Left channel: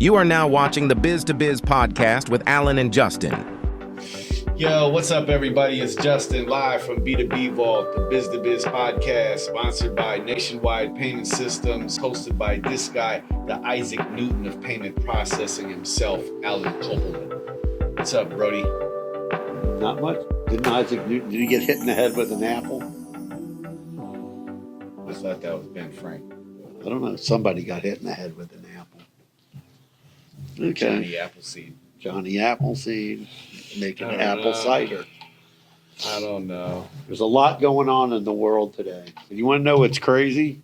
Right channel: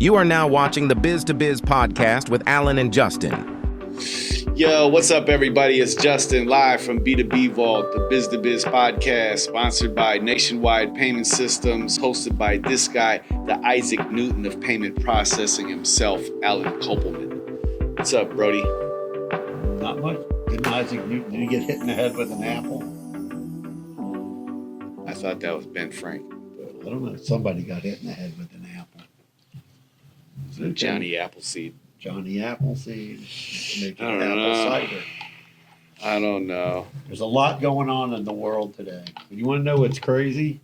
You are now watching the Biz to Biz podcast with Alan and Justin. Yo, what's up, everybody? It's Justin, live from B2B Vault, the Biz to Biz podcast, sponsored by Nationwide Payment Systems, hosted by this guy, the Isaac Newton of payment processing himself, Alan Kopelman. What's up, Brody? Not much. Did he get hit in the head with an apple? I thought that was Ben Frank. I don't know. Somebody got hit in the head with an apple. Okay. Johnny Appleseed. Johnny Appleseed making I don't apple know. cider. I don't know. There's a lot going on in the world today. You want to know what's crazy?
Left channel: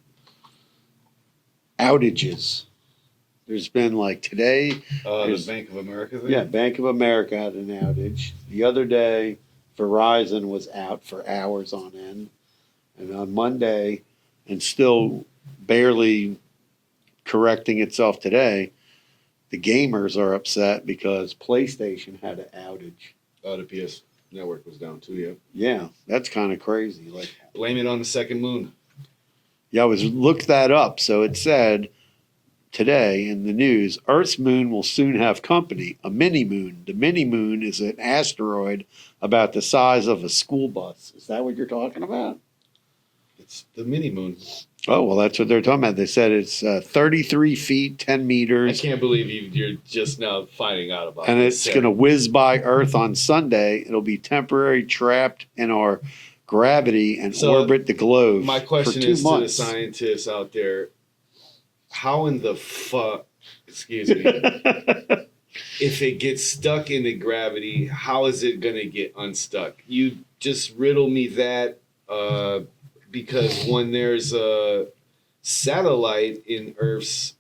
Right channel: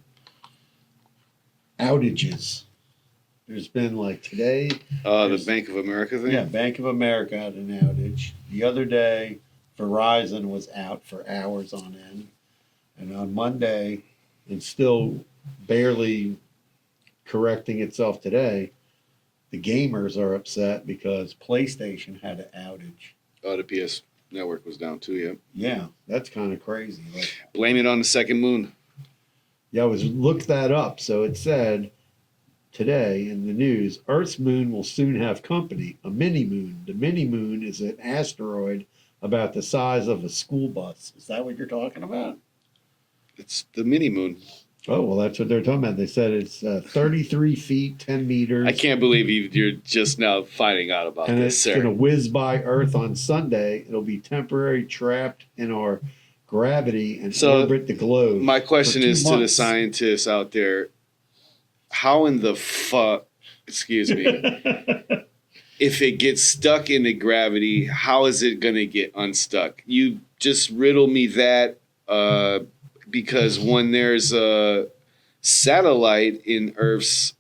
Outages. There's been like today. The Bank of America thing? Yeah, Bank of America had an outage. The other day, Verizon was out for hours on end. And on Monday, and still barely correcting itself today, the gamers are upset because PlayStation had an outage. Oh, the PS network was down too, yeah. Yeah, that's kind of crazy. Like, Blame it on the second moon. yeah, I looked that up. So it said today in the news, Earth's moon will soon have company, a mini moon. The mini moon is an asteroid about the size of a school bus. Is that what you're talking about? It's the mini moon. Oh, well, that's what they're talking about. They said it's 33 feet, 10 meters. I can't believe you're just now finding out about And this. it's going to whiz by Earth on Sunday. It'll be temporarily trapped in our gravity and orbit the globe. My question for 2 is to the months. scientists out there, how in the fuck, excuse me, if it gets stuck into gravity, how is it going to get unstuck? You just riddle me that because when there's a satellite in Earth's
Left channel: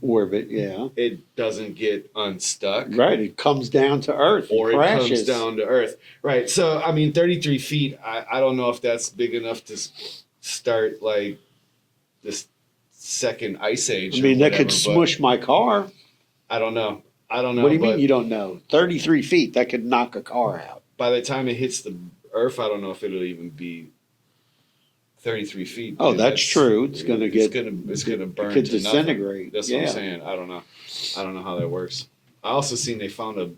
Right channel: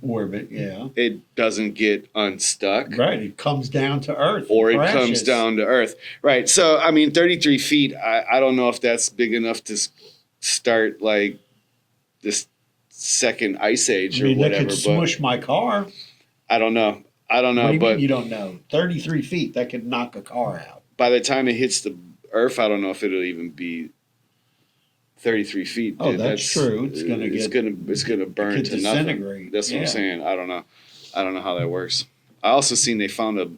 Orbit, yeah. it doesn't get unstuck. Right, it comes down to Earth. Or it crashes. comes down to Earth. Right. So, I mean, 33 feet, I don't know if that's big enough to start like this second ice age I or mean, whatever. that could smush my car. I don't know. What do you but mean you don't know? 33 feet, that could knock a car out. by the time it hits the Earth, I don't know if it'll even be 33 feet. Oh, that's true. It's gonna burn could to disintegrate. nothing. That's what I'm Yeah. saying. I don't know how that works. I also seen they found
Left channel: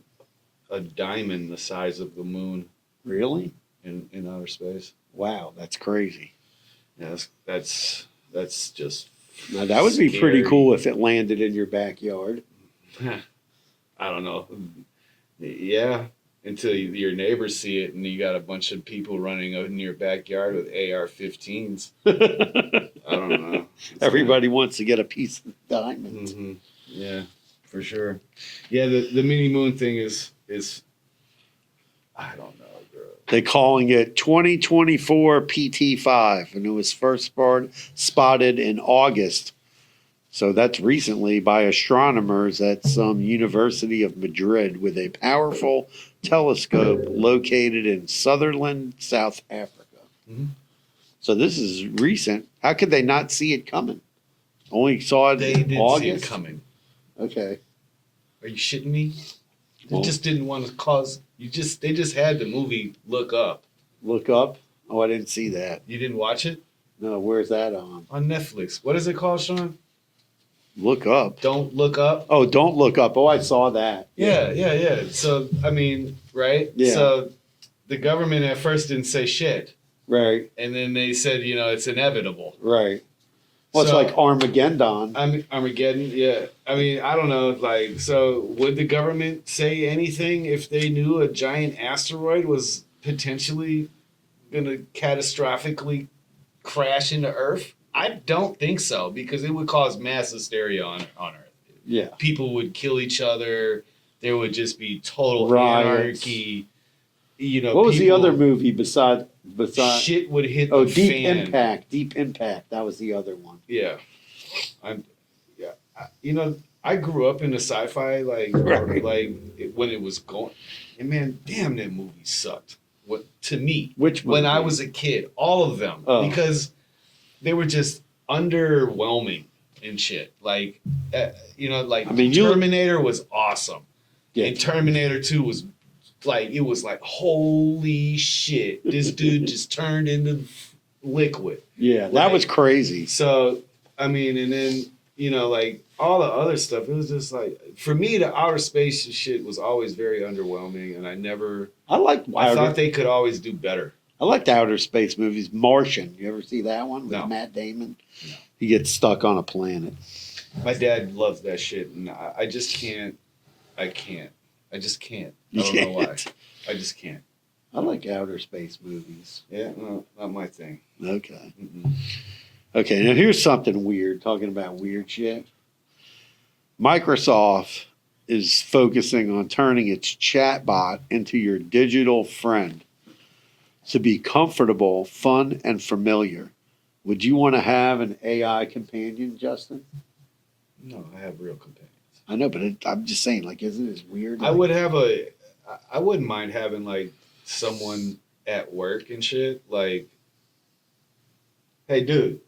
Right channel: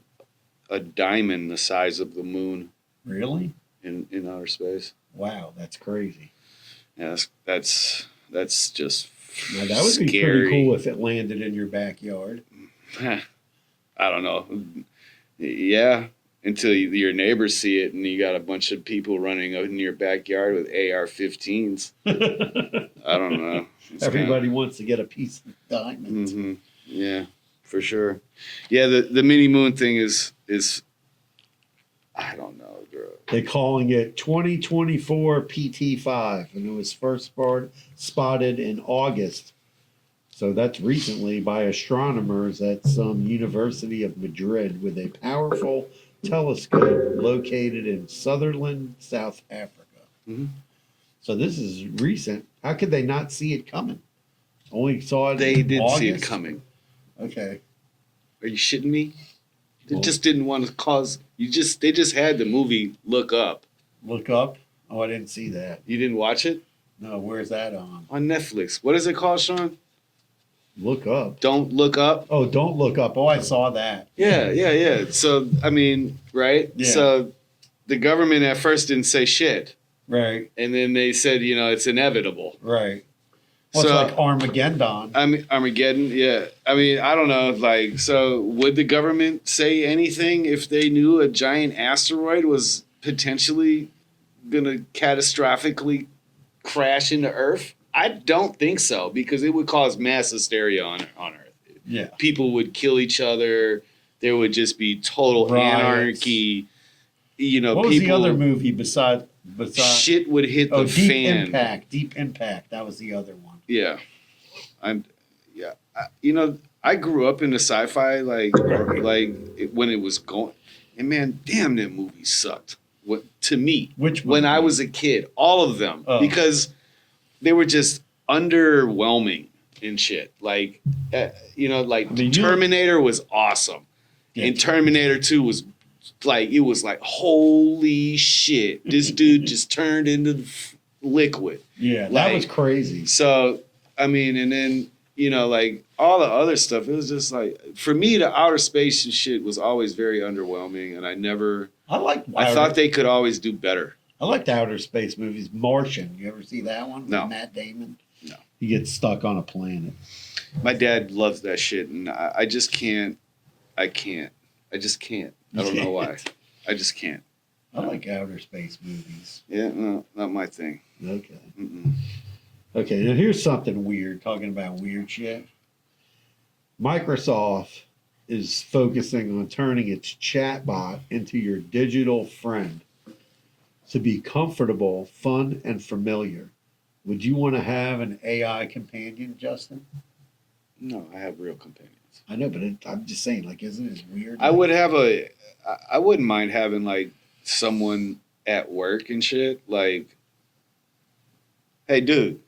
a diamond the size of the moon Really? in outer space. Wow, that's crazy. Yeah, that's just. Now, that would be pretty scary. cool if it landed in your backyard. I don't know. Yeah, until your neighbors see it and you got a bunch of people running out in your backyard with AR-15s. I don't know. It's Everybody wants to get a piece of diamond. Mm-hmm. Yeah, for sure. Yeah, the mini moon thing is I don't know, bro. They're calling it 2024 PT5, and it was first spotted in August. So that's recently by astronomers at some University of Madrid with a powerful telescope located in Sutherland, South Africa. Mhm. So this is recent. How could they not see it coming? Only saw it They in did August? see it coming. Okay. Are you shitting me? They Well- just didn't want to cause. They just had the movie Look Up. Look up. Oh, I didn't see that. You didn't watch it No, where's that on? Netflix. What is it called, Sean? Look up. Don't Look Up. Oh, don't look up. Oh, I saw that. Yeah. So I mean, right? Yeah. So the government at first didn't say shit, Right, and then they said, it's inevitable. right. Well, So- it's like Armageddon. I mean, Armageddon. Yeah. I mean, I don't know. Like, so would the government say anything if they knew a giant asteroid was potentially gonna catastrophically crash into Earth? I don't think so, because it would cause mass hysteria on Earth. Yeah. People would kill each other. There would just be total Riots. anarchy. What was the other movie besides? Shit would hit the Deep fan. Impact. Deep Impact. That was the other one. Yeah, I grew up in the sci-fi when it was going, and man, damn, that movie sucked. What to me? Which when movie? I was a kid, all of them, Oh. because they were just underwhelming and shit. Like, Terminator was awesome, Yeah. and Terminator 2 was like holy shit, this dude just turned into liquid. Yeah, that Like- was crazy. So I mean, and then you know, like all the other stuff, it was just like, for me, the outer space shit was always very underwhelming, and I thought they could always do better. I liked outer space movies. Martian. You ever see that one with No. Matt Damon? No. He gets stuck on a planet. My dad loves that shit, and I just can't. I just can't. I don't know why. I just can't. I like outer space movies. Yeah, no, not my thing. Okay. Mm-mm. Okay, now here's something weird, talking about weird shit. Microsoft is focusing on turning its chatbot into your digital friend to be comfortable, fun, and familiar. Would you want to have an AI companion, Justin? No, I have real companions. I know, but I'm just saying, like, isn't it weird? I wouldn't mind having like someone at work and shit. Like, hey, dude,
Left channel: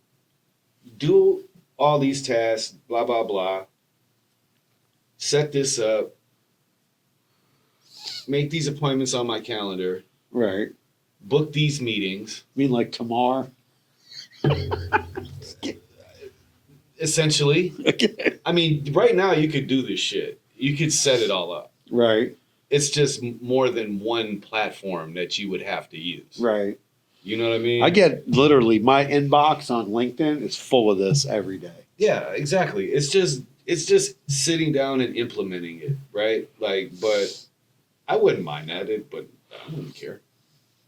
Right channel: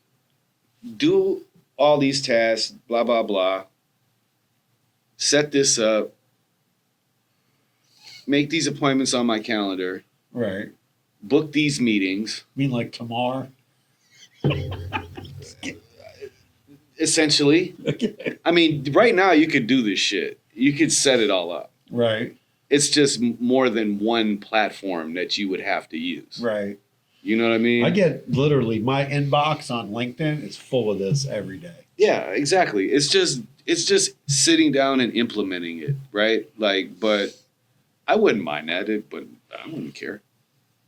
do all these tasks, blah, blah, blah. Set this up. Make these appointments on my calendar. Right. Book these meetings. I mean, like tomorrow? Essentially. Okay. I mean, right now you could do this shit. You could set it all up. Right. It's just more than one platform that you would have to use. Right. You know what I mean? I get literally my inbox on LinkedIn is full of this every day. Yeah, exactly. It's just sitting down and implementing it, right? Like, but I wouldn't mind that, but I wouldn't care.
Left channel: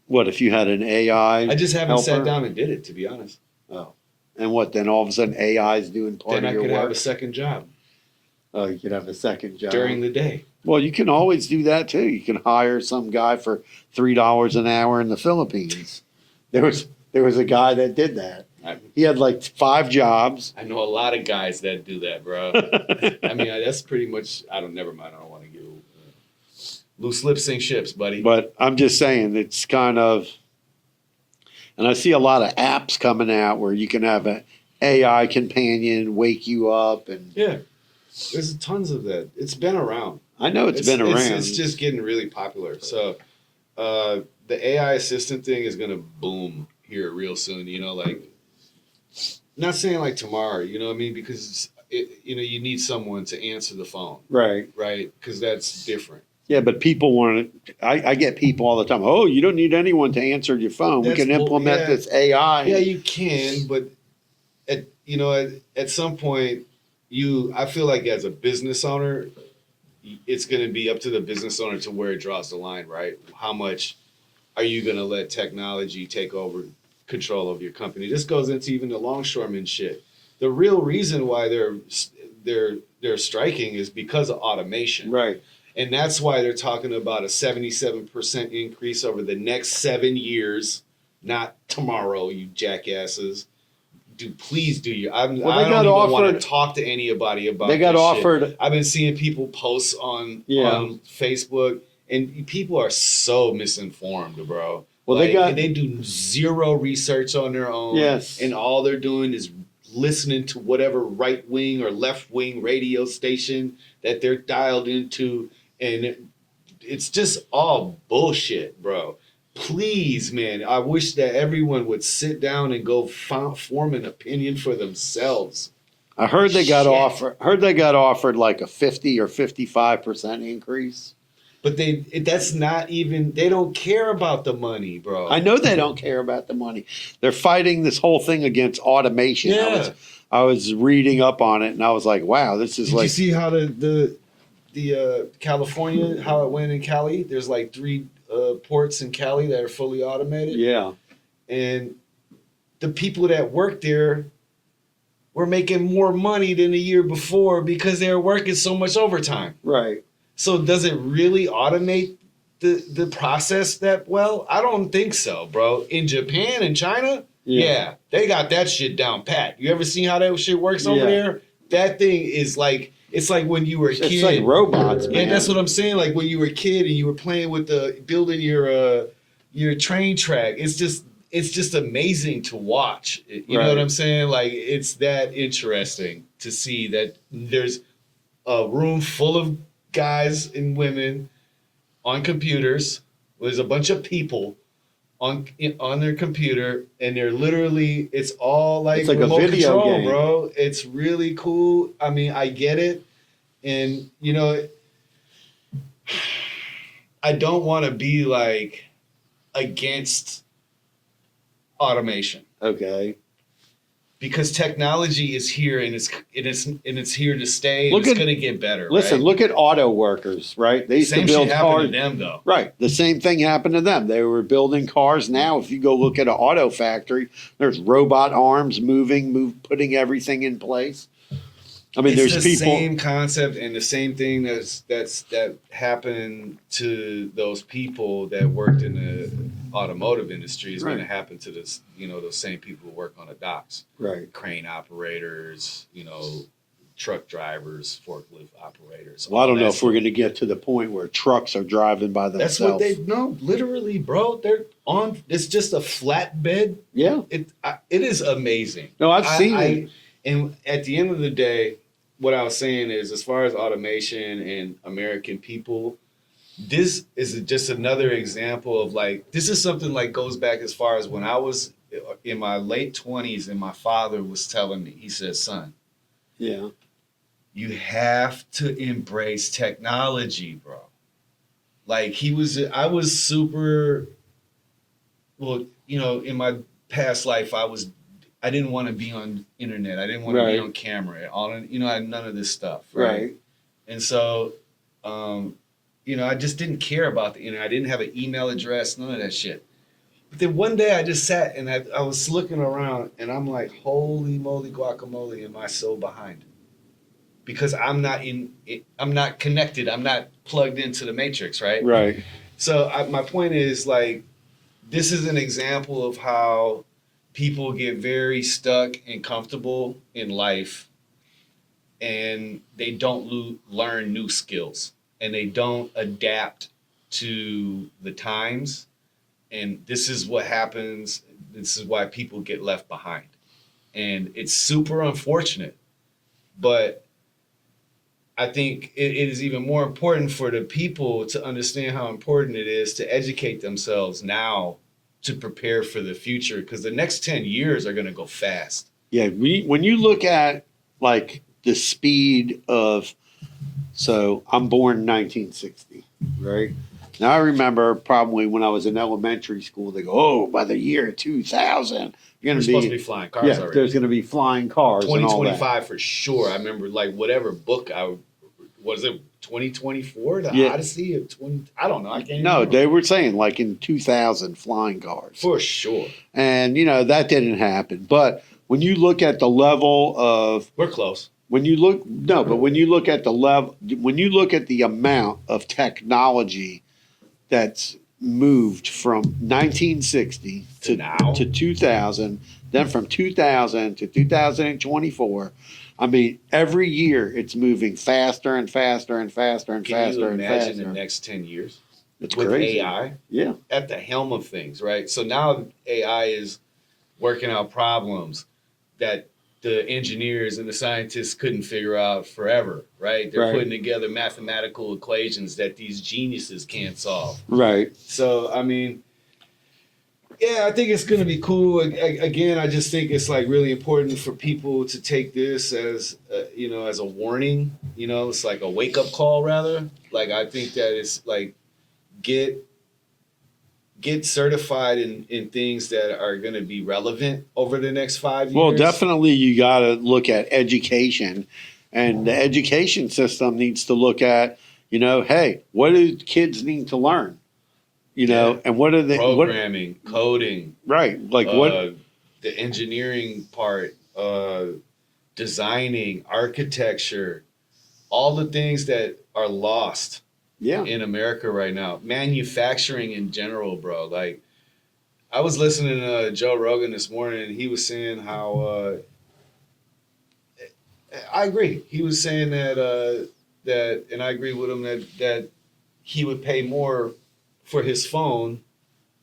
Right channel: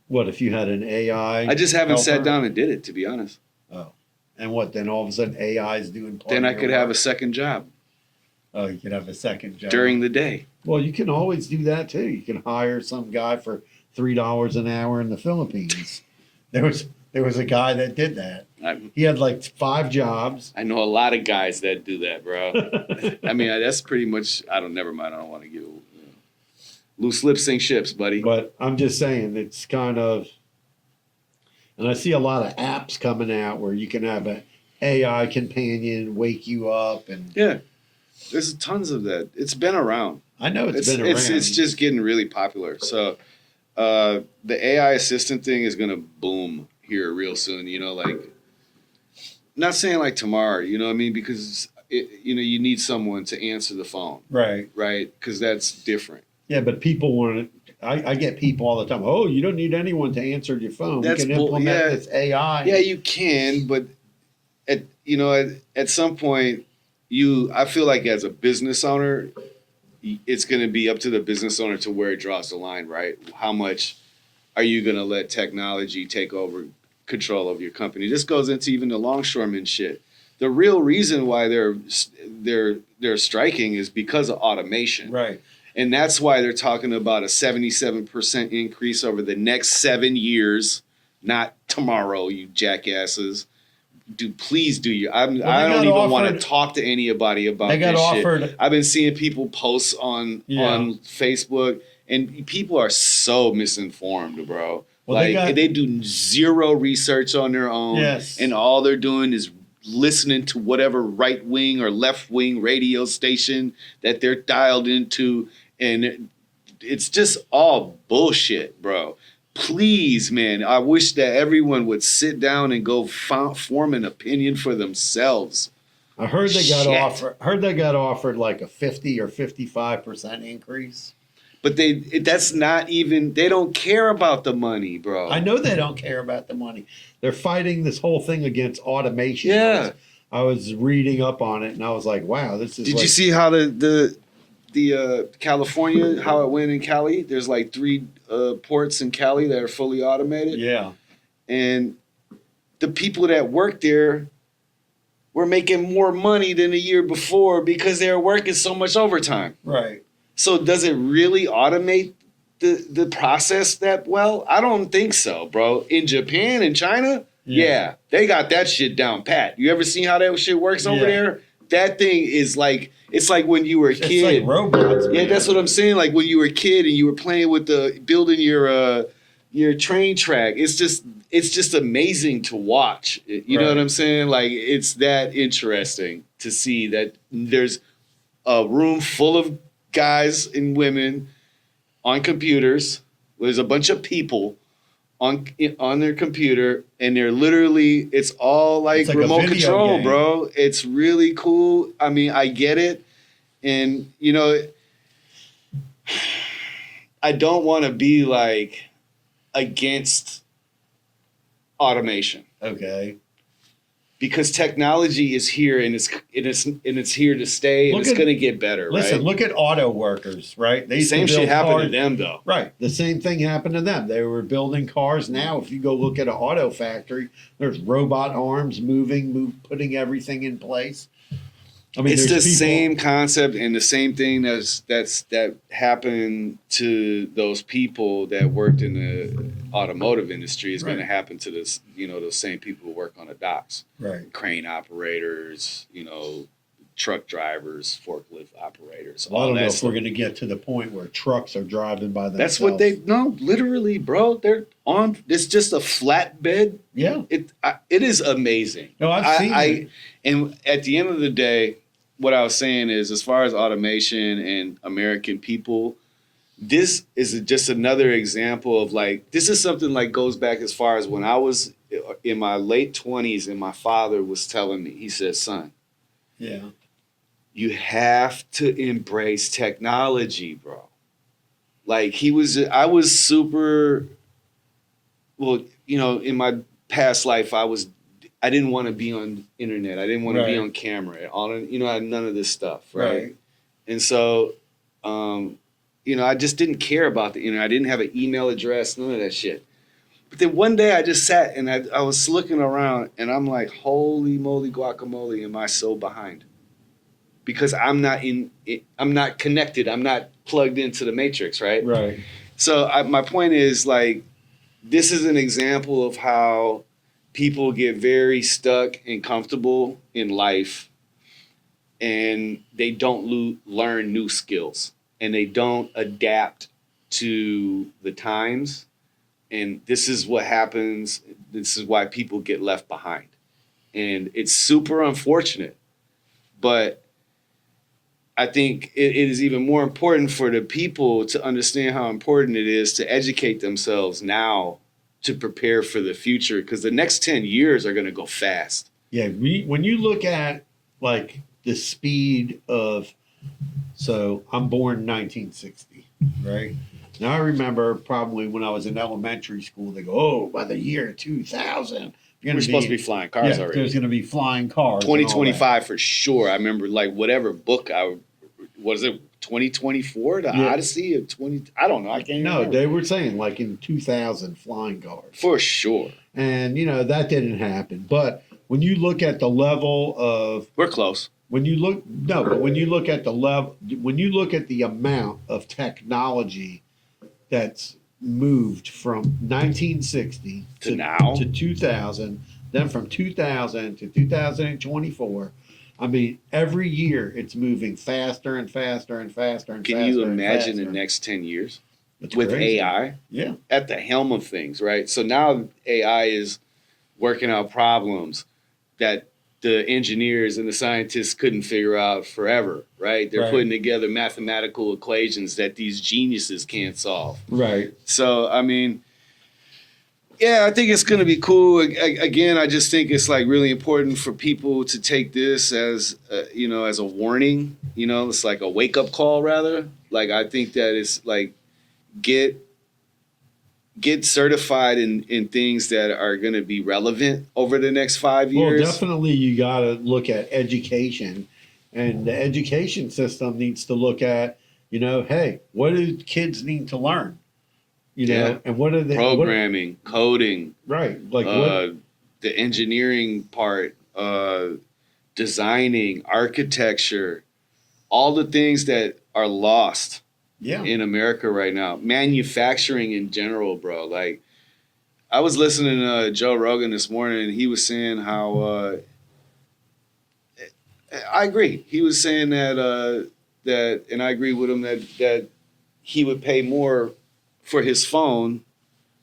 What if you had an AI? I just haven't sat helper? down and did it, to be honest. Oh. And what, then all of a sudden AI is doing part Then of I your could have a work? second job Oh, you could have a second job. during the day. Well, you can always do that too. You can hire some guy for $3 an hour in the Philippines. There was a guy that did that. He had like 5 jobs. I know a lot of guys that do that, bro. I mean, that's pretty much. Never mind. I don't want to give loose lips sink ships, buddy. But I'm just saying it's kind of, and I see a lot of apps coming out where you can have an AI companion wake you up, and Yeah, there's tons of that. It's been around. I know it's been around. It's just getting really popular. So the AI assistant thing is gonna boom here real soon. You know, like not saying like tomorrow. You know what I mean? Because you need someone to answer the phone, right. right? Because that's different. Yeah, but people want to. I get people all the time. Oh, you don't need anyone to answer your phone. That's we can implement this AI. Yeah, you can, but at some point, I feel like as a business owner, it's going to be up to the business owner to where it draws the line, right? How much are you going to let technology take over control of your company? This goes into even the longshoreman shit. The real reason why they're striking is because of automation. Right. And that's why they're talking about a 77% increase over the next 7 years, not tomorrow, you jackasses. Please do your. I don't even want to talk to anybody about. They got this offered. Shit. I've been seeing people post on Facebook, and people are so misinformed, bro. Well, they do zero research on their own. Yes. And all they're doing is listening to whatever right wing or left wing radio station that they're dialed into, and it's just all bullshit, bro. Please, man, I wish that everyone would sit down and go form an opinion for themselves. I heard they got offered like a 50 or 55% increase. But that's not even, they don't care about the money, bro. I know they don't care about the money. They're fighting this whole thing against automation. Yeah. I was reading up on it, and I was like, wow, this is Did you see how the California, how it went in Cali? There's like 3 ports in Cali that are fully automated. Yeah. And the people that work there were making more money than the year before because they were working so much overtime. Right. So does it really automate the process that well? I don't think so, bro. In Japan and China, yeah, they got that shit down pat. You ever seen how that shit works over there? That thing is like, it's like when you were a kid. It's like robots, man. Yeah, that's what I'm saying. Like when you were a kid and you were playing with building your train track. It's just amazing to watch. You know what I'm saying? Like it's that interesting to see that there's a room full of guys and women on computers. There's a bunch of people on their computer, and they're literally, it's all like It's like a remote video control, game. bro. It's really cool. I mean, I get it, and I don't want to be like against automation. Okay. Because technology is here, and it's here to stay, and Look it's at- going to get better. Listen, right? look at auto workers, right? They used Same to build shit happened cars. to them, though. Right. The same thing happened to them. They were building cars. Now, if you go look at an auto factory, there's robot arms putting everything in place. I mean, It's there's the people. same concept and the same thing that happened to those people that worked in the automotive industry is going to Right. happen to those same people who work on the docks, Right. crane operators, truck drivers, forklift operators. Well, I don't all know that if we're stuff. going to get to the point where trucks are driving by themselves. That's what no, literally, bro. They're on. It's just a flatbed. Yeah. It is amazing. No, I've seen it. And at the end of the day, what I was saying is, as far as automation and American people, this is just another example of this is something goes back as far as when I was in my late 20s, and my father was telling me, he said, son, Yeah. you have to embrace technology, bro. I was super, well, in my past life, I didn't want to be on internet. I didn't want to be Right. on camera. I had none of this stuff. Right. And so, I just didn't care about the internet. I didn't have an email address, none of that shit. But then one day I just sat and I was looking around, and I'm like, holy moly guacamole, am I so behind? Because I'm not connected. I'm not plugged into the matrix, right? Right. So my point is, this is an example of how people get very stuck and comfortable in life, and they don't learn new skills, and they don't adapt to the times. And this is what happens. This is why people get left behind. And it's super unfortunate, but I think it is even more important for the people to understand how important it is to educate themselves now to prepare for the future, because the next 10 years are going to go fast. Yeah. When you look at the speed of, so I'm born in 1960, right? Now I remember probably when I was in elementary school, they go, oh, by the year 2000, We're supposed to be flying cars already. There's going to be flying cars. and all that. 2025 for sure. I remember whatever book was it 2024, the Yeah. Odyssey of 20, I don't know. I can't No, remember. they were saying in 2000 flying cars. For sure. And, that didn't happen. But when you look at the level of, We're close. when you look at the level, when you look at the amount of technology that's moved from 1960 To now? to 2000, then from 2000 to 2024. I mean, every year it's moving faster and faster and faster and Can faster. you and imagine faster. the next 10 years It's with crazy. AI Yeah. at the helm of things, right? So now AI is working out problems that the engineers and the scientists couldn't figure out forever, right? They're Right. putting together mathematical equations that these geniuses can't solve. Right. So, I mean, yeah, I think it's going to be cool. Again, I just think it's really important for people to take this as, as a warning. It's like a wake up call, rather. I think that it's get certified in things that are going to be relevant over the next 5 years. Well, definitely you got to look at education, and the education system needs to look at, hey, what do kids need to learn? Yeah. And what are they Programming, coding, right? What the engineering part, designing, architecture, all the things that are lost yeah. in America right now. Manufacturing in general, bro. I was listening to Joe Rogan this morning, and he was saying how I agree. He was saying that and I agree with him that he would pay more for his phone,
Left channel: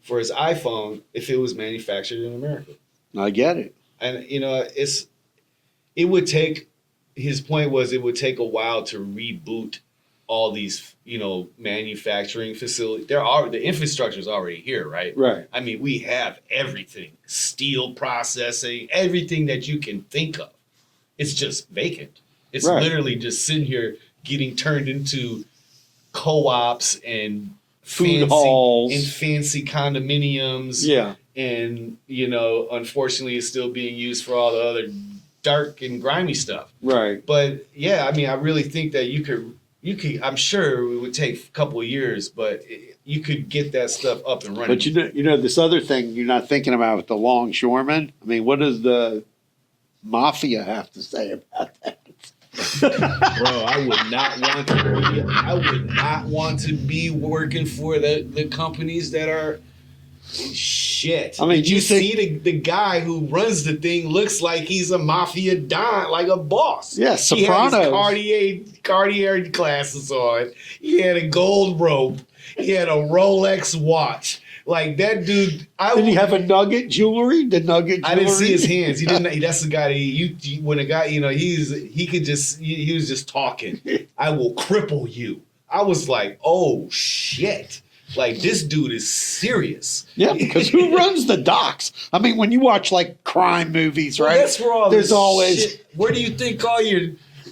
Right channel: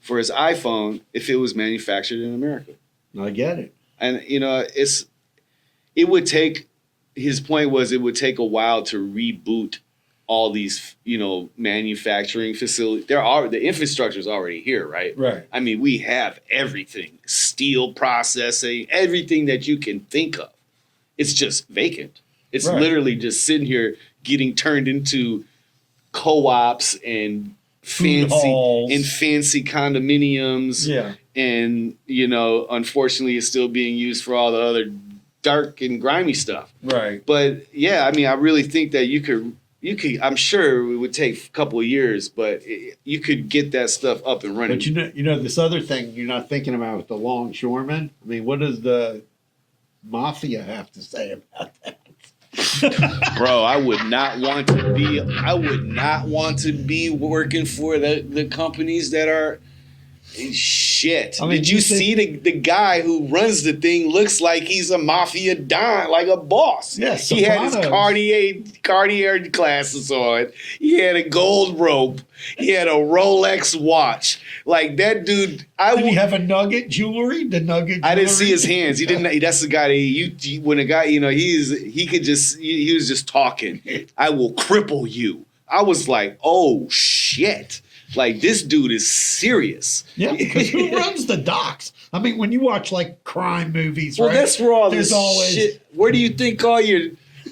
for his iPhone, if it was manufactured in America. I get it. And it would take, his point was, it would take a while to reboot all these, manufacturing facilities. The infrastructure is already here, right? Right. I mean, we have everything, steel processing, everything that you can think of. It's just vacant. It's Right. literally just sitting here getting turned into co-ops and Food halls. fancy condominiums. Yeah. And, unfortunately, it's still being used for all the other dark and grimy stuff. Right. But yeah, I mean, I really think that you could, I'm sure it would take a couple of years, but you could get that stuff up and running. But this other thing you're not thinking about with the longshoremen. I mean, what does the mafia have to say about that? Bro, I would not want to be working for the companies that are shit. I mean, did you see the guy who runs the thing looks like he's a mafia don, like a boss. Yeah, Sopranos. He had his Cartier glasses on. He had a gold rope. He had a Rolex watch. Like that dude. Did he have a nugget jewelry? The nugget jewelry? I didn't see his hands. He didn't. That's the guy that when a guy, he was just talking. I will cripple you. I was like, oh shit. Like this dude is serious. Yeah, because who runs the docks? I mean, when you watch like crime movies, right? That's where all there's this always shit. Where do you think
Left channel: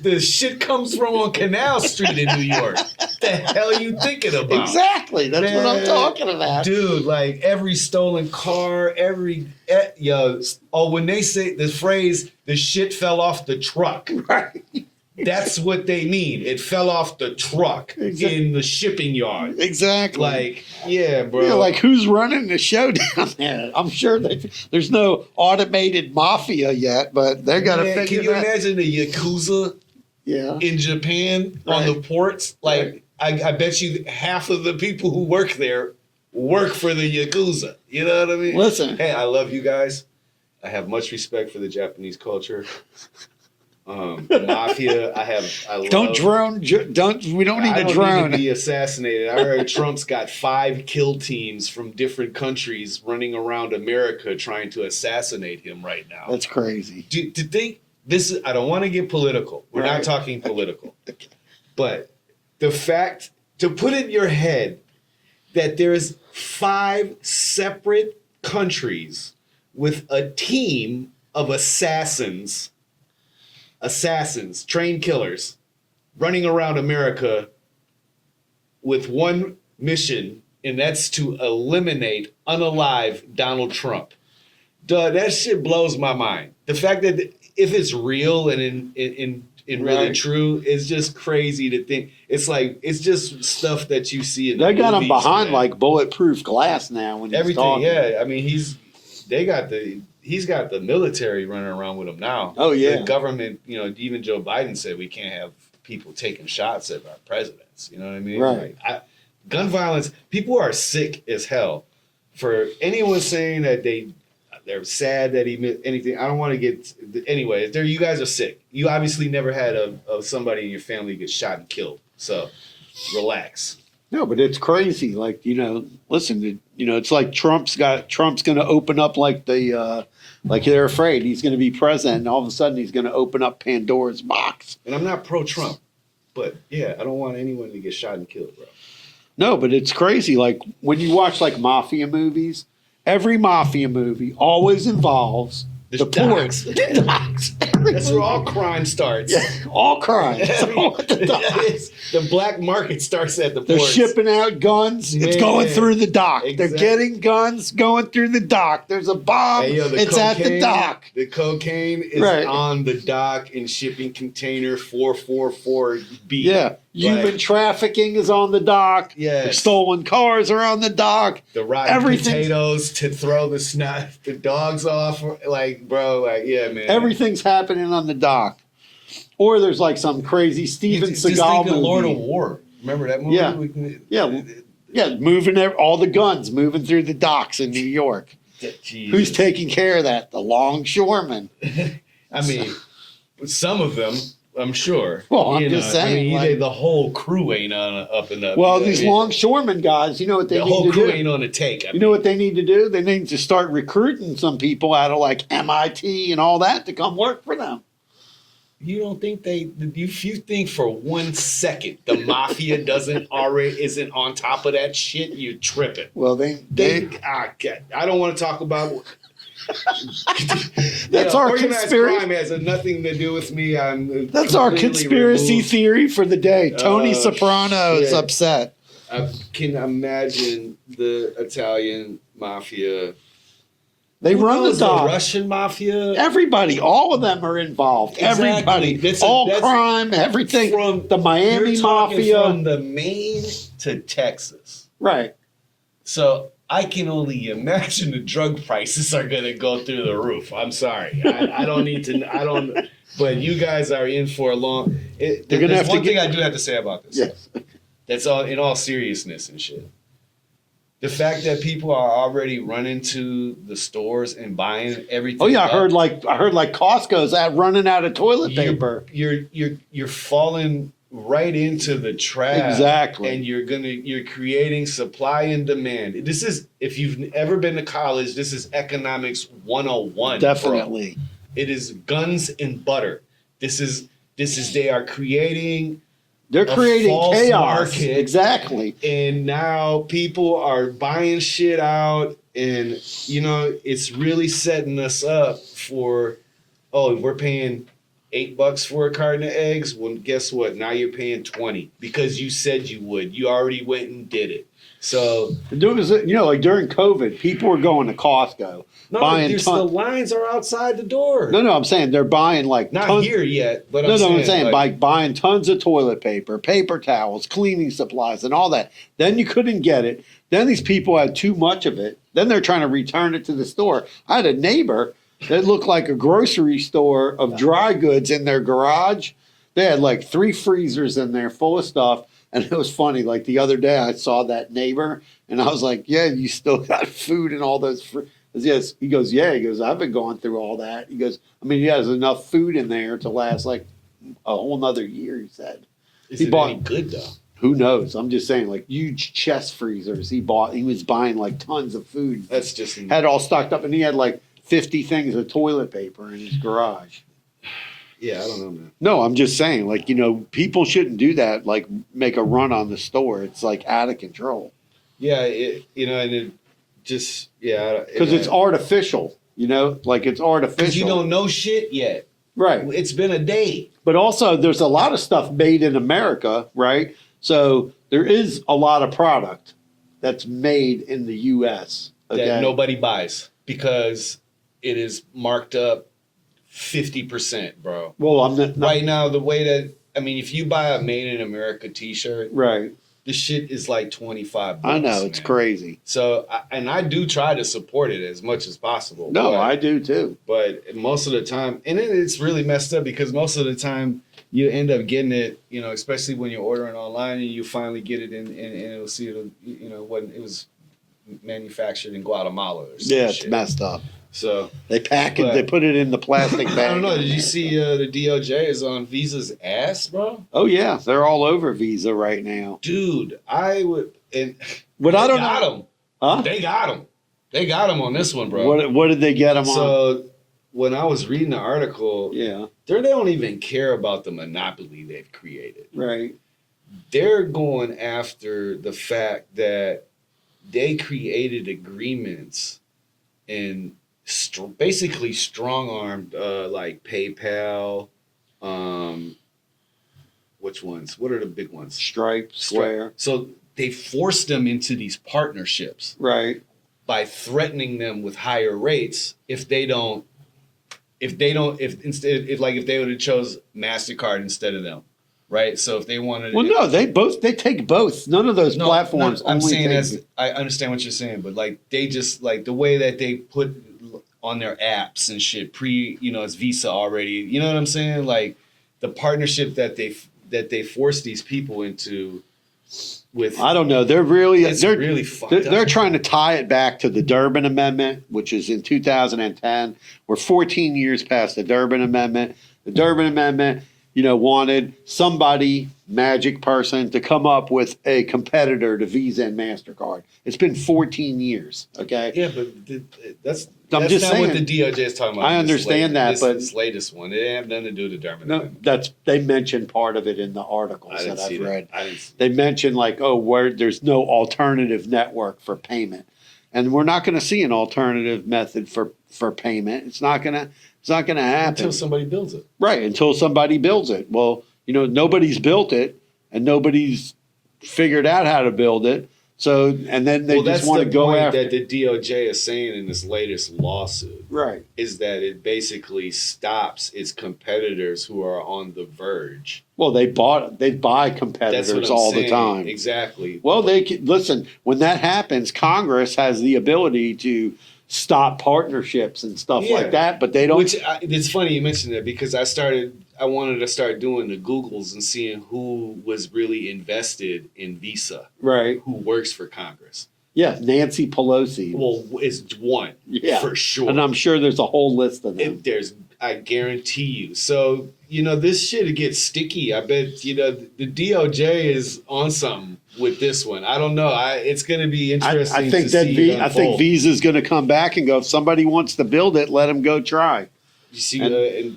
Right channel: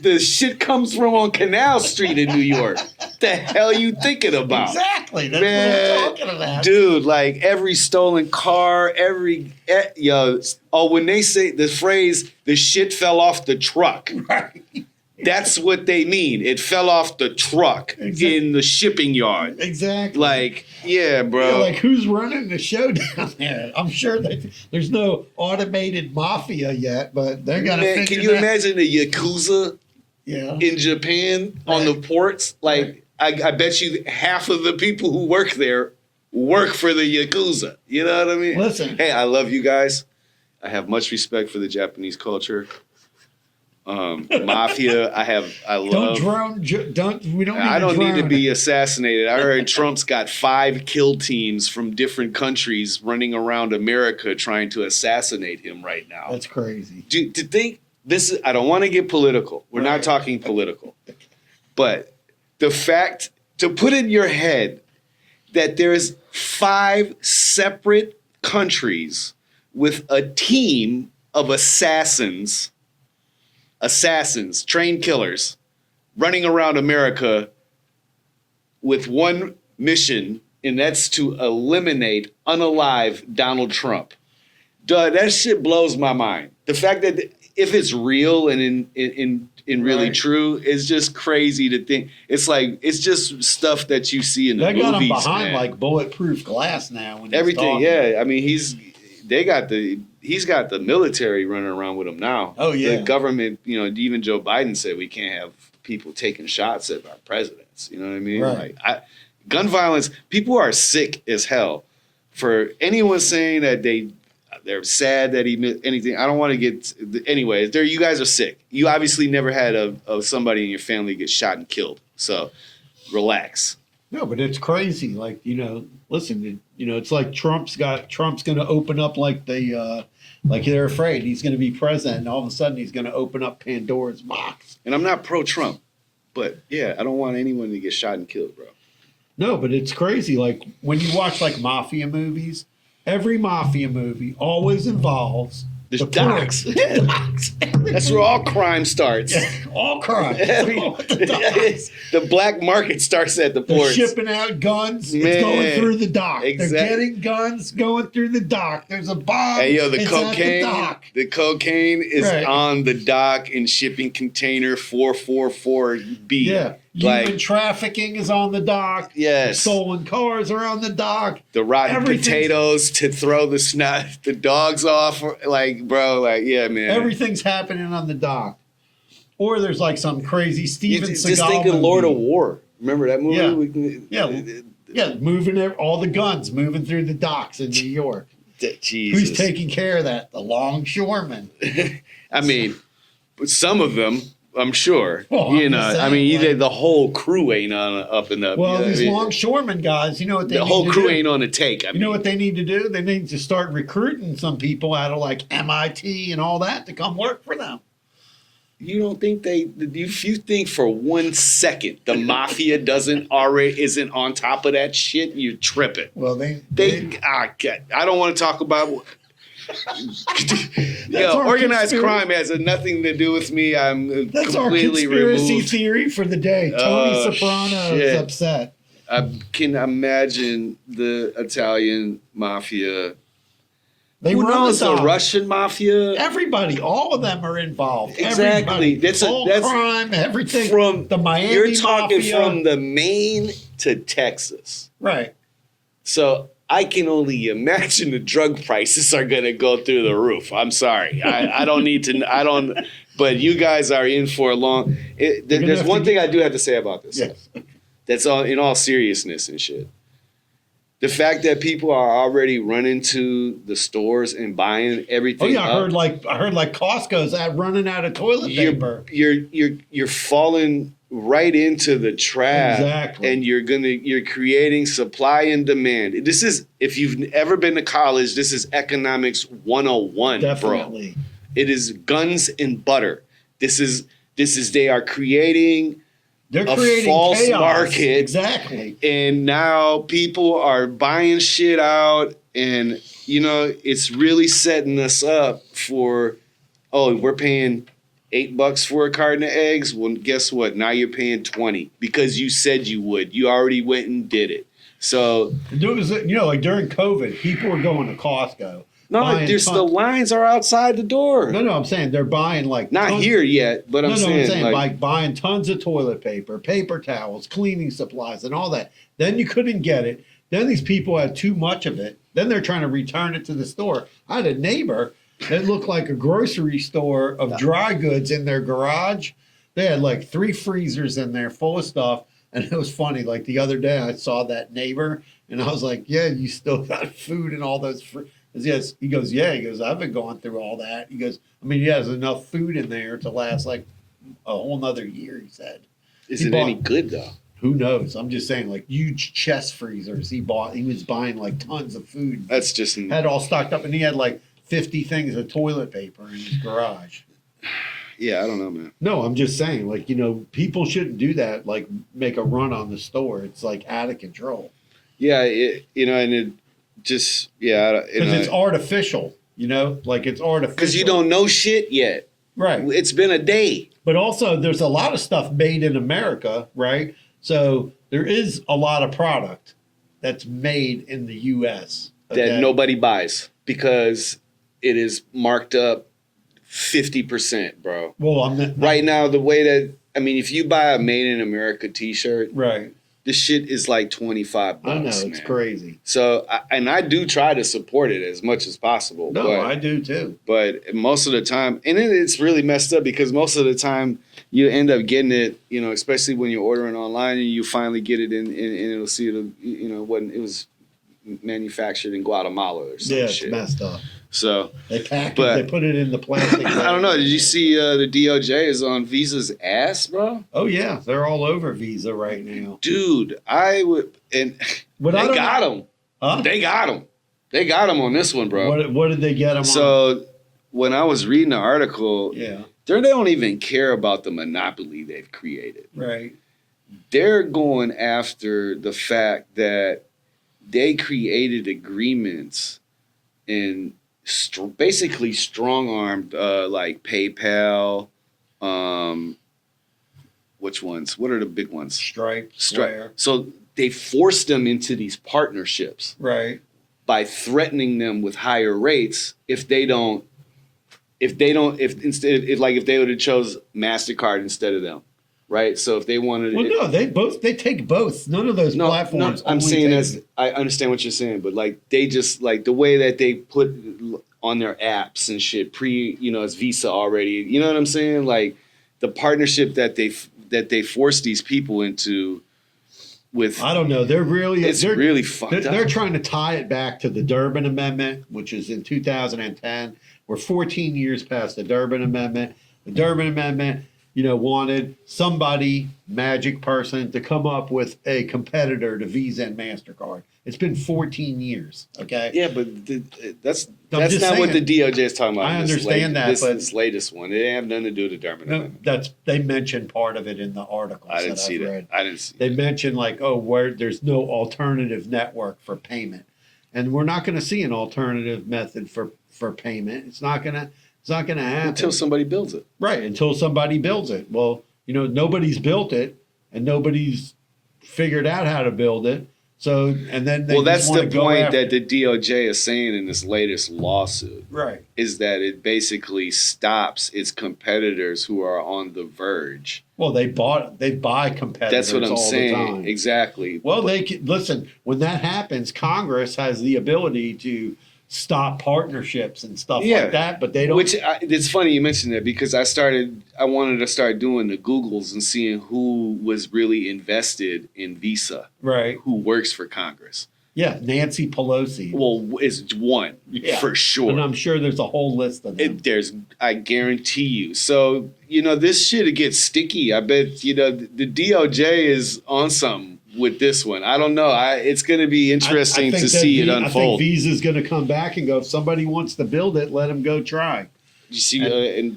the shit comes from on Canal Street in New York? What the hell you thinking about? Exactly. That's what I'm talking about. Dude, like every stolen car, when they say the phrase, the shit fell off the truck. Right. That's what they mean. It fell off the truck in the shipping yard. Exactly. Like, yeah, bro. Yeah, like who's running the show down there? I'm sure there's no automated mafia yet, but they're gonna figure can you imagine the Yakuza in Japan on the ports? Like, I bet you half of the people who work there work for the Yakuza. You know what I mean? Listen. Hey, I love you guys. I have much respect for the Japanese culture. Mafia, I love. Don't drone. We don't need I a don't drone. need to be assassinated. I heard Trump's got 5 kill teams from different countries running around America trying to assassinate him right now. That's crazy. To think this is, I don't want to get political. We're not talking political. But the fact to put in your head that there's 5 separate countries with a team of assassins, trained killers, running around America with one mission, and that's to eliminate, unalive Donald Trump. Duh, that shit blows my mind. The fact that if it's real and in really true, it's just crazy to think. It's like it's just stuff that you see in the movies. They got him behind man. like bulletproof glass now. When Everything, talking. yeah. I mean, he's got the military running around with him now. Oh yeah, the government. Even Joe Biden said we can't have people taking shots at our presidents. You know what I mean? Right. Like, gun violence. People are sick as hell. For anyone saying that they're sad that he missed anything, I don't want to get. Anyway, you guys are sick. You obviously never had somebody in your family get shot and killed. So relax. No, but it's crazy. Like, listen, it's like Trump's going to open up like they're afraid he's going to be president, and all of a sudden he's going to open up Pandora's box. And I'm not pro-Trump, but yeah, I don't want anyone to get shot and killed, bro. No, but it's crazy. Like when you watch like mafia movies, every mafia movie always involves the docks. ports. Docks. That's where all crime starts. Yeah, all crime. The black market starts at the They're ports. shipping out guns. It's Man. going through the dock. Exactly. They're getting guns going through the dock. There's a bomb. Hey, yo, It's at the dock. The cocaine is on the dock in shipping container 444B. Yeah. Human trafficking is on the dock. Yes. Stolen cars are on the dock. The rotten potatoes to throw the dogs off. Like, bro, yeah, man. Everything's happening on the dock. Or there's like some crazy Steven Seagal Just think of movie. Lord of War. Remember that movie? Yeah, moving all the guns moving through the docks in New York. Jesus. Who's taking care of that? The longshoremen. I mean, some of them, I'm sure. Well, I'm just saying, the whole crew ain't up and up. Well, these longshoremen guys, you know what they need to do? The whole crew ain't on the take. You know what they need to do? They need to start recruiting some people out of like MIT and all that to come work for them. You don't think if you think for 1 second the mafia isn't on top of that shit, you're tripping. Well, I don't want to talk about. That's our organized conspiracy. crime has nothing to do with me. That's our conspiracy removed. theory for the day. Tony Oh, Soprano is shit. upset. I can imagine the Italian mafia. They Who run knows, the the Russian mafia? Everybody, all of them are involved. Exactly. Everybody, That's crime, everything. From the Miami you're talking mafia. from the Maine to Texas. Right. So I can only imagine the drug prices are going to go through the roof. I'm sorry. I don't need to. I don't. But you guys are in for a long. There's one thing I do have to say about this. Yes. That's all in all seriousness and shit. The fact that people are already running to the stores and buying everything. Oh yeah, I heard like Costco's running out of toilet paper. You're falling right into the trap. Exactly. And you're creating supply and demand. This is, if you've ever been to college, this is economics 101. Definitely. Bro. It is guns and butter. This is they are creating They're creating false chaos. market. Exactly. And now people are buying shit out, and it's really setting us up for, we're paying $8 for a carton of eggs. Well, guess what? Now you're paying 20 because you said you would. You already went and did it. So like during COVID, people were going to Costco. the lines are outside the door. No, I'm saying they're buying like Not here yet, but I'm saying like buying tons of toilet paper, paper towels, cleaning supplies, and all that. Then you couldn't get it. Then these people had too much of it. Then they're trying to return it to the store. I had a neighbor that looked like a grocery store of dry goods in their garage. They had like 3 freezers in there full of stuff. And it was funny. Like the other day, I saw that neighbor, and I was like, "Yeah, you still got food and all those." Yes, he goes, "Yeah." He goes, "I've been going through all that." He goes, "I mean, he has enough food in there to last like a whole nother year." He said, Is it any good though? Who knows? I'm just saying, like huge chest freezers. He was buying like tons of food. That's just Had it all stocked up, and he had like 50 things of toilet paper in his garage. Yeah, I don't know, man. No, I'm just saying, like, people shouldn't do that, like make a run on the store. It's like out of control. Yeah, and it just, Because it's artificial, like it's artificial. Because you don't know shit yet. Right. It's been a day. But also, there's a lot of stuff made in America, right? So there is a lot of product that's made in the U.S. that nobody buys because it is marked up 50%, bro. Well, I'm not Right now, the way that, if you buy a Made in America t-shirt, right. this shit is like $25. I know, it's man. crazy. So, I do try to support it as much as possible. No, I do too. But most of the time, and then it's really messed up because most of the time you end up getting it, especially when you're ordering online and you finally get it and it'll see it, when it was manufactured in Guatemala or some Yeah, shit. it's messed up. So They pack it, they put it in the plastic bag. I don't know. Did you see the DOJ is on Visa's ass, bro? Oh, yeah. They're all over Visa right now. Dude, I would, and But they I don't got know. him. Huh? They got him. They got him on this one, bro. What did they get them on? So when I was reading the article, Yeah. they don't even care about the monopoly they've created. Right. They're going after the fact that they created agreements and basically strong-armed like PayPal. Which ones? What are the big ones? Stripe, Square. So they forced them into these partnerships Right. by threatening them with higher rates if they would have chose MasterCard instead of them, right? So if they wanted, Well, no, they take both. None of those platforms. I'm only saying take- I understand what you're saying, but like they just like the way that they put on their apps and shit it's Visa already. You know what I'm saying? Like the partnership that they force these people into with. I don't know. They're really fucked up. They're trying to tie it back to the Durbin Amendment, which is in 2010. We're 14 years past the Durbin Amendment. The Durbin Amendment wanted somebody, magic person, to come up with a competitor to Visa and MasterCard. It's been 14 years. Okay. Yeah, but that's I'm just not what the saying. DOJ is talking about. I understand that, but this latest one, it have nothing to do with the Durbin no, Amendment. they mentioned part of it in the articles I didn't that see I've that. read. I didn't see. They mentioned where there's no alternative network for payment, and we're not going to see an alternative method for payment. It's not going to happen Until somebody builds it. right until somebody builds it. Well, nobody's built it, and nobody's figured out how to build it. So, and then they That's just want the to go point after. that the DOJ is saying in this latest lawsuit. Right. Is that it basically stops its competitors who are on the verge. Well, they buy competitors That's what I'm all saying. the time. Exactly. Well, they can, listen. When that happens, Congress has the ability to stop partnerships and stuff Yeah. like that, but they don't. It's funny you mentioned that because I wanted to start doing the Googles and seeing who was really invested in Visa, right? who works for Congress. Yeah, Nancy Pelosi. Well, it's one for sure, and I'm sure there's a whole list of them. I guarantee you. So this shit gets sticky. I bet the DOJ is on something with this one. I don't know. It's going to be interesting to see it unfold. I think Visa's going to come back and go, if somebody wants to build it, let them go try. You see,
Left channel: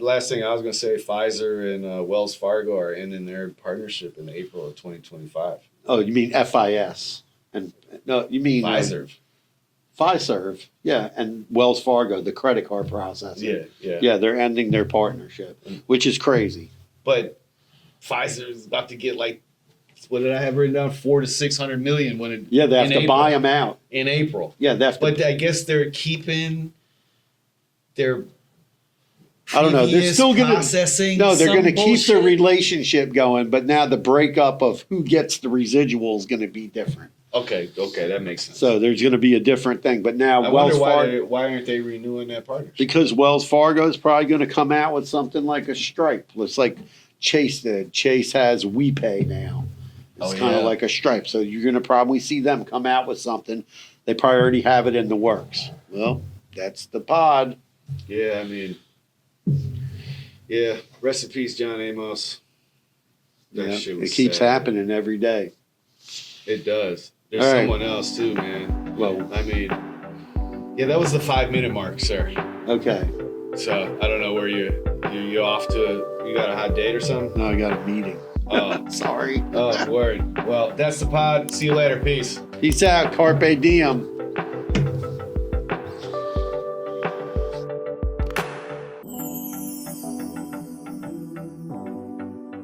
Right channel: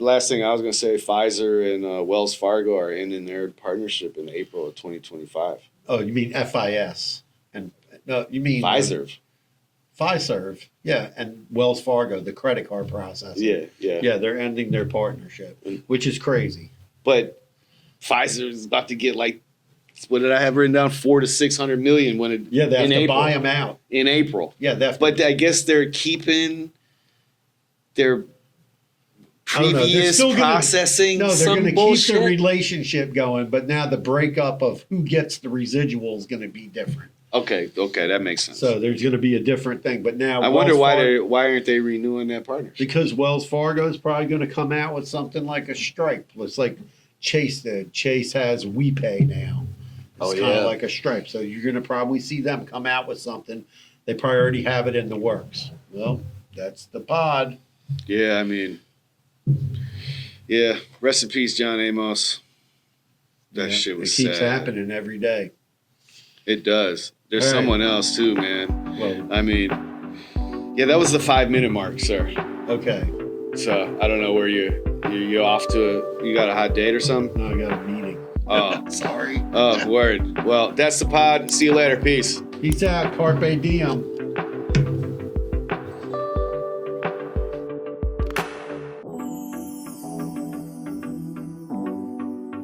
last thing I was going to say, Pfizer and Wells Fargo are ending their partnership in April of 2025. Oh, you mean FIS? And no, you mean Pfizer. Fiserv, yeah, and Wells Fargo, the credit card processing. Yeah, they're ending their partnership, which is crazy. But Pfizer is about to get what did I have written down? 400 to 600 million when it. Yeah, they have to buy them out in April. Yeah, they have to, but I guess they're keeping their. I don't know. They're still processing. They're going to keep the bullshit. relationship going, but now the breakup of who gets the residual is going to be different. Okay, that makes sense. So there's going to be a different thing. But now I wonder why aren't they renewing that partnership? Because Wells Fargo is probably going to come out with something like a Stripe. It's like Chase did. Chase has WePay now. It's kind of like a Stripe. So you're going to probably see them come out with something. They probably already have it in the works. Well, that's the pod. Yeah, I mean, rest in peace, John Amos. That shit was It keeps sad. happening every day. It does. There's All right. someone else too, man. Well, I mean, that was the 5-minute mark, sir. okay. So I don't know where you off to. You got a hot date or something? No, I got a meeting. Oh, Sorry. oh, word. Well, that's the pod. See you later. Peace. Peace out. Carpe diem.